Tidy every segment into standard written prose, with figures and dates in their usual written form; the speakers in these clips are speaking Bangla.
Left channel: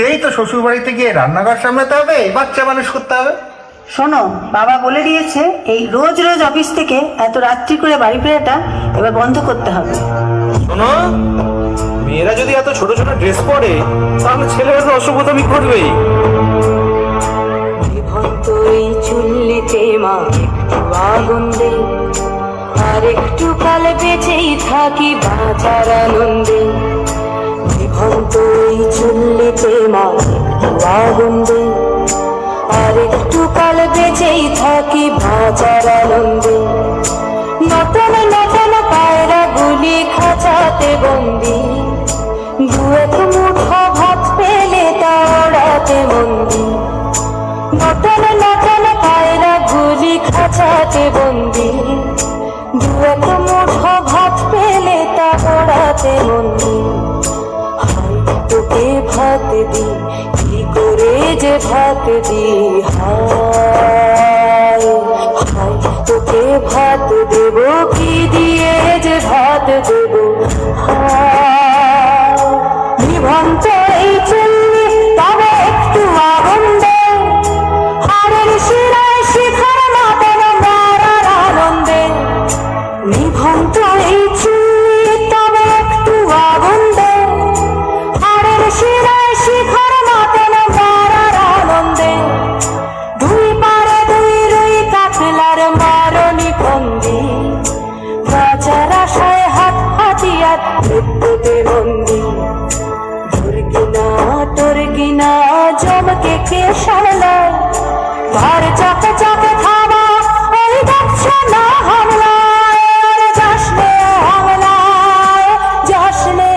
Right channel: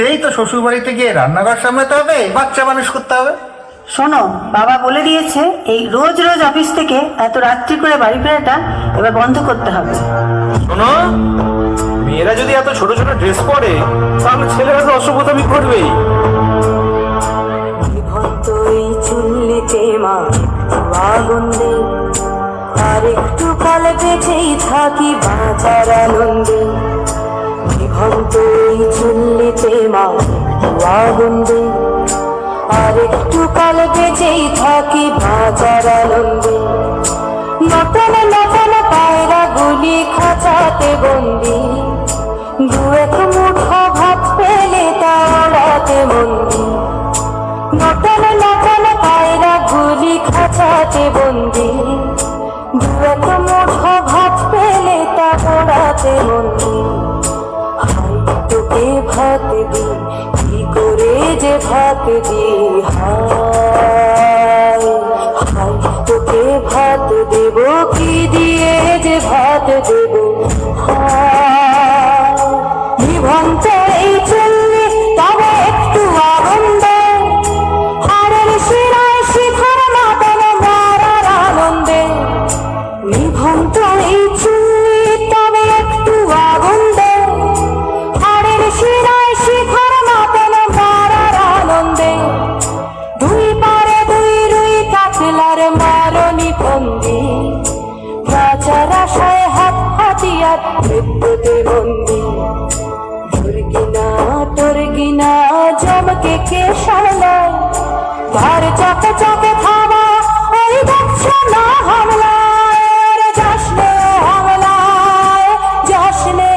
সেই তো শ্বশুর বাড়িতে গিয়ে রান্নাঘর সামলাতে হবে, বাচ্চা মানুষ করতে হবে। শোনো, বাবা বলে দিয়েছে এই রোজ রোজ অফিস থেকে এত রাত্রি করে বাড়ি ফেরাটা এবার বন্ধ করতে হবে। শোনো, মেয়েরা যদি এত ছোট ছোট ড্রেস পরে তাহলে ছেলেরা তো অসভ্যতামি করবেই। তুই চুল্লিতে মা একটু আগুন দে, আর একটু কাল বেঁচেই থাকি বাঁচার আনন্দে। তুই চুল্লিতে মা একটু আগুন দে, আর একটু কাল বেঁচেই থাকি বাঁচার আনন্দে। নতুন নতুন পায়রা গুলি খাঁচাতে বন্দি, দু এক মুঠো ভাত পেলে তা ওড়াতে বন্দি। নতুন নতুন পায়রা গুলি খাঁচাতে বন্দি, দু এক মুঠো ভাত পেলে তা ওড়াতে বন্দি। হাই তোকে ভাত দি, কি করে যে ভাত দি, হাই হাই তোকে ভাত দেব, কি দিয়ে যে ভাত দেব, হাই নিভন্ত এই চুল্লি তবে একটু আগুন দে, হাড়ের শিরায় শিখার মতন মেরার আনন্দে। নিভন্ত এই চুল্লি তবে একটু আগুন দে, হাড়ের শিরায় শিখার মতন মেরার আনন্দে। দুই পারে দুই রুই কাতলার মারণি ফন্দি, বাঁচার আশায় হাত হাতিয়ার পেতে বন্দি। তোর গিনা জমকে কে সামলায়, তার চাকা চাকা খাওয়া ওই বাচ্চা না হামলায়, যাসনে হামলায় যাসনে।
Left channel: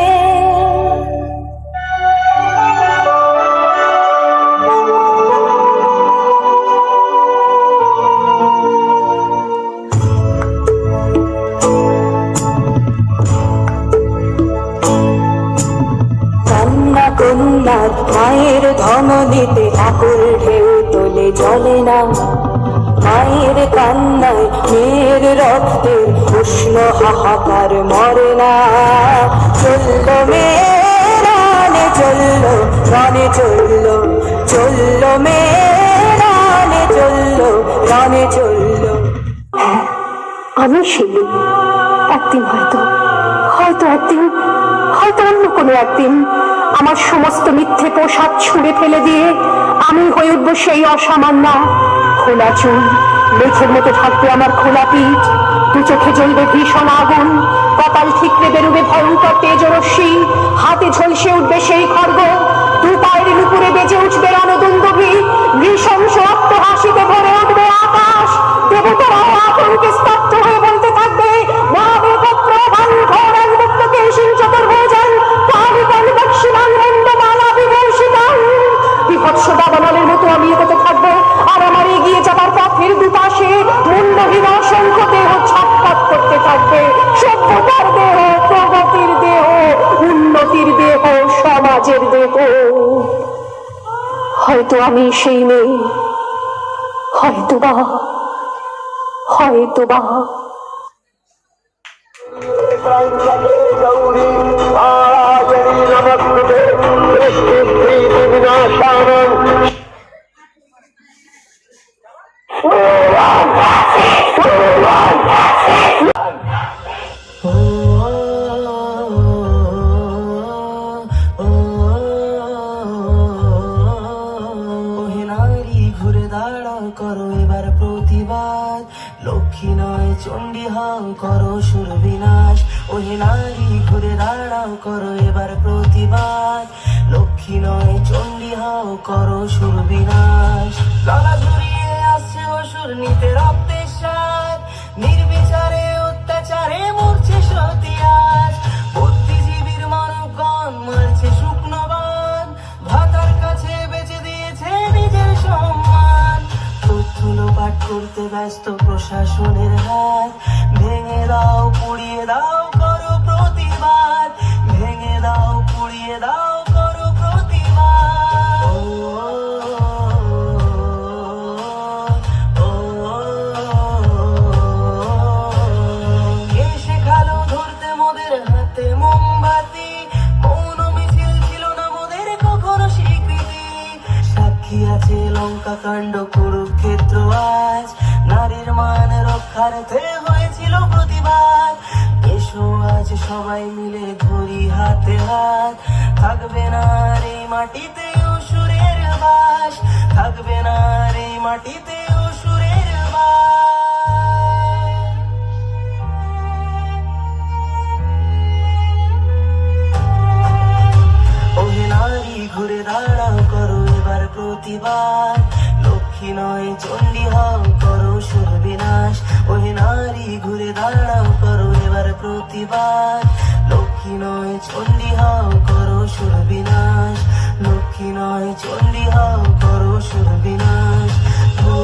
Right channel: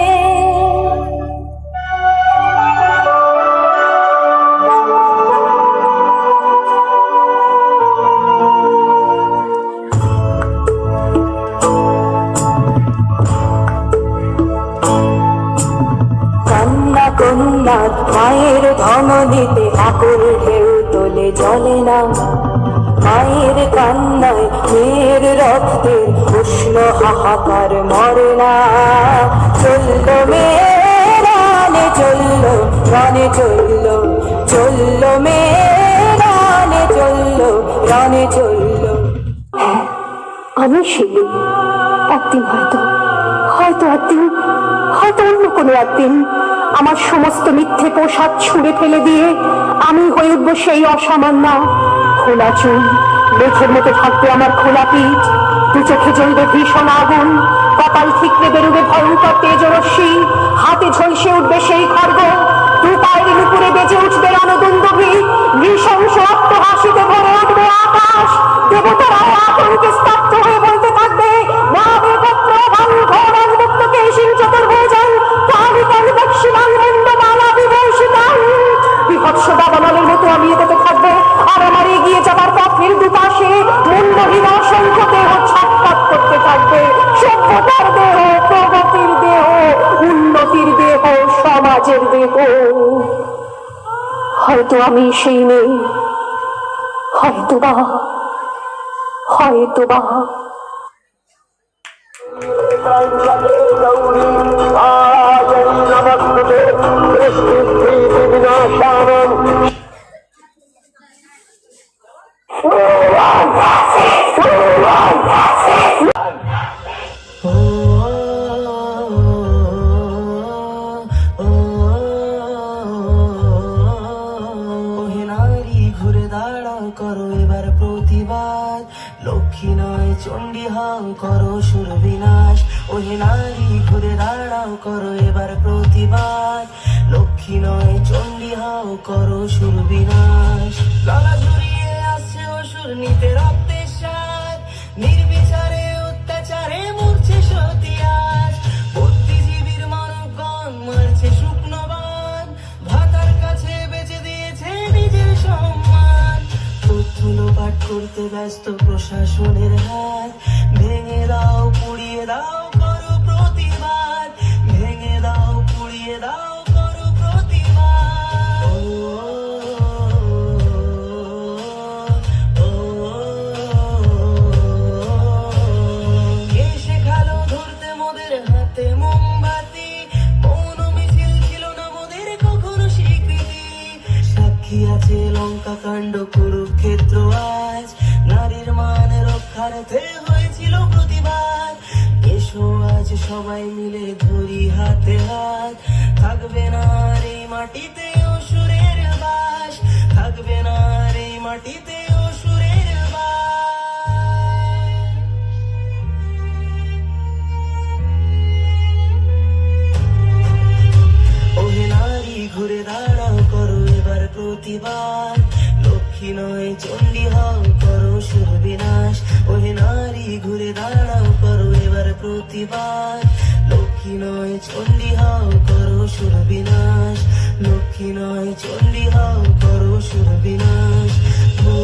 কন্যা কন্যার মায়ের ধমনীতে আকুল ঢেউ তোলে জলে না, মায়ের কান্নায় মেয়ের রক্তের উষ্ণ হাহাকার মরে না। চলল মেয়ে চলল রানে চলল, চলল মেয়ে চলল রানে চলল। আমি শিলি, একদিন হয়তো হয়তো একদিন হয়তো অন্য কোনো একদিন আমার সমস্ত মিথ্যে পোশাক ছুঁড়ে ফেলে দিয়ে আমি হয়ে উঠবো সেই অসামান্য। খোলা চুল, মেঘের মতো থাকবে আমার খোলা পিঠ, দু চোখে জ্বলবে ভীষণ আগুন, কপাল ঠিকরে বেরোবে ভয়ঙ্কর তেজরশ্মি, হাতে ঝলসে উঠবে সেই খড়গ, দু পায়ের নুপুরে বেজে উঠবে রণদুন্দুভি, নৃশংস অট্টহাসিতে ভরে উঠবে আকাশ। দেবতারা আতঙ্কে স্তব্ধ হয়ে বলতে থাকবে, বিভৎস দাবানলের মতো আমি এগোতে থাকবো, আর আমার এগিয়ে যাবার পথের দুপাশে মুন্ডহীন অসংখ্য দেহ ছটফট করতে থাকবে। সভ্যতার দেহ, প্রগতির দেহ, উন্নতির দেহ, সমাজের দেহ। হয়তো আমি সেই নেই, হয়তোবা হয়তোবা। ঘুরে দাঁড়াও, করো এবার প্রতিবাদ, লক্ষ্মী নয় চণ্ডী হও, করো সুর বিনাশ। ওহে নারী ঘুরে দাঁড়াও, করো এবার প্রতিবাদ, লক্ষ্মী নয় চণ্ডী হও, করো সুর বিনাশ। গলা ঝুরিয়ে আসছে অসুর নিতে রক্তের স্বাদ, নির্বিচারে অত্যাচারে মরছে সতিয়াজ, বুদ্ধিজীবীর মানবগণ মারছে শুকনো বান, ভাতার কাছে বেঁচে দিয়েছে নিজের সম্মান। তথ্য লোপাট করতে ব্যস্ত প্রশাসনের হাত, ভেঙে দাও পুড়িয়ে দাও করো প্রতিবাদ, ভেঙে দাও পুড়িয়ে দাও করো প্রতিবাদ। কে শেখালো ধরতে মোদের হাতে মোমবাতি, মৌন মিছিল ছিল না মোদের কখনো স্বীকৃতি। উঠিয়াছে লঙ্কা কাণ্ড কুরুক্ষেত্র আজ, নারীর মান রক্ষার্থে হয়েছিল প্রতিবাদ। এসো আজ সবাই মিলে ধরি হাতে হাত, থাকবে না আর এই মাটিতে অসুরের বাস, থাকবে না আর এই মাটিতে অসুরের বাস। ওহে নারী ঘুরে দাঁড়াও করো এবার প্রতিবাদ, লক্ষ্মী নয় চণ্ডী হও করো সুর বিনাশ। ওহে নারী ঘুরে দাঁড়াও করো এবার প্রতিবাদ, লক্ষ্মী নয় চণ্ডী হও করো সুর বিনাশ, লক্ষ্মী নয় চণ্ডী হও করো সুর বিনাশ। ও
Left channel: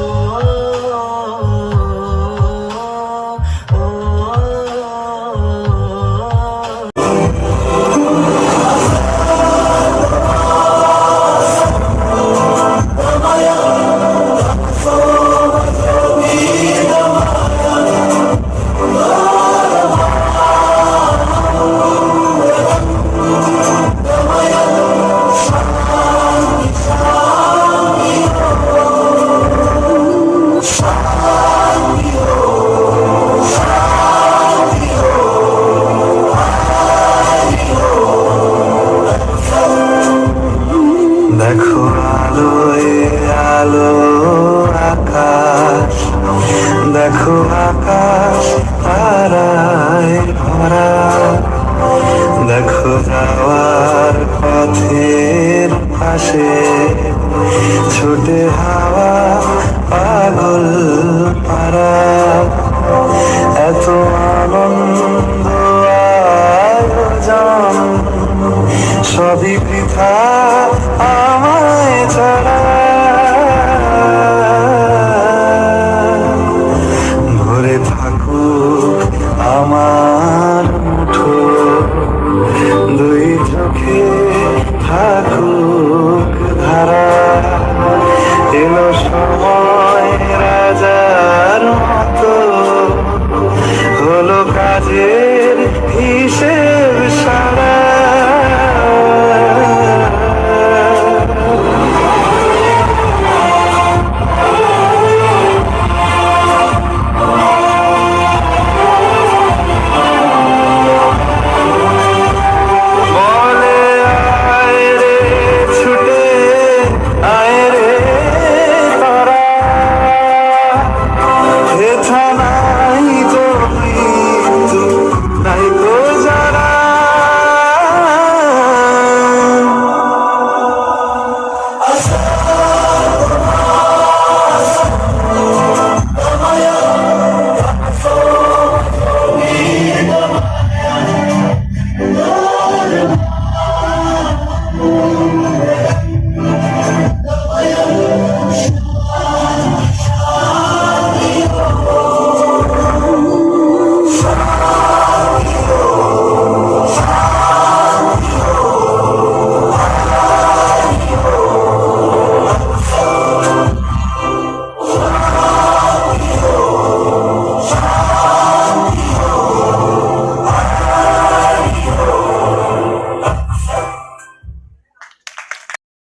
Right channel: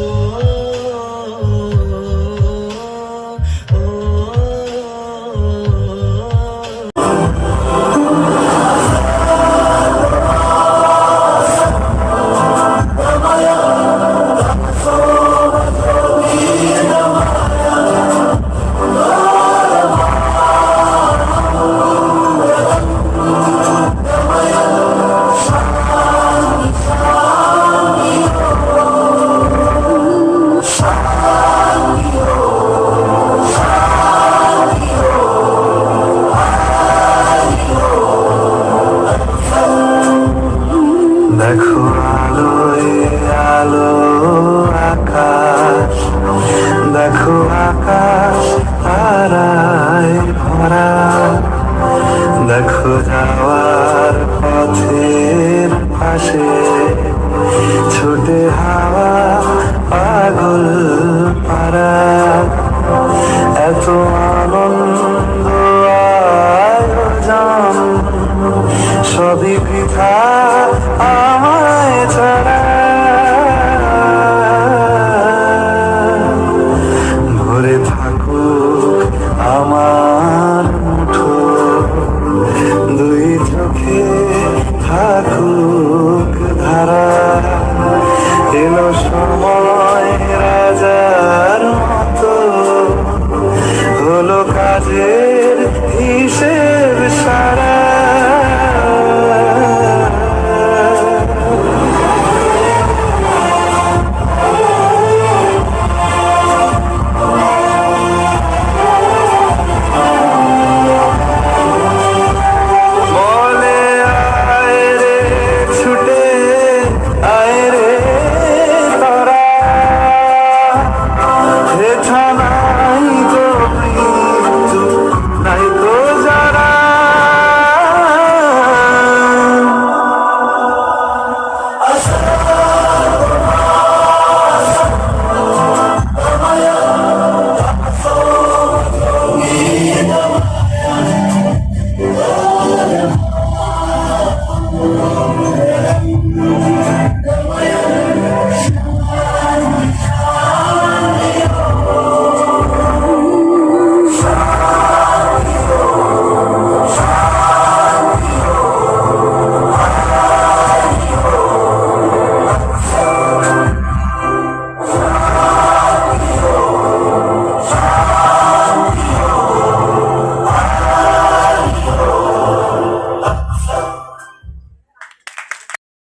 দেখো আলোয় আলো আকাশ, দেখো আকাশ তারায় ভরা, দেখো যাওয়ার পথের পাশে ছুটে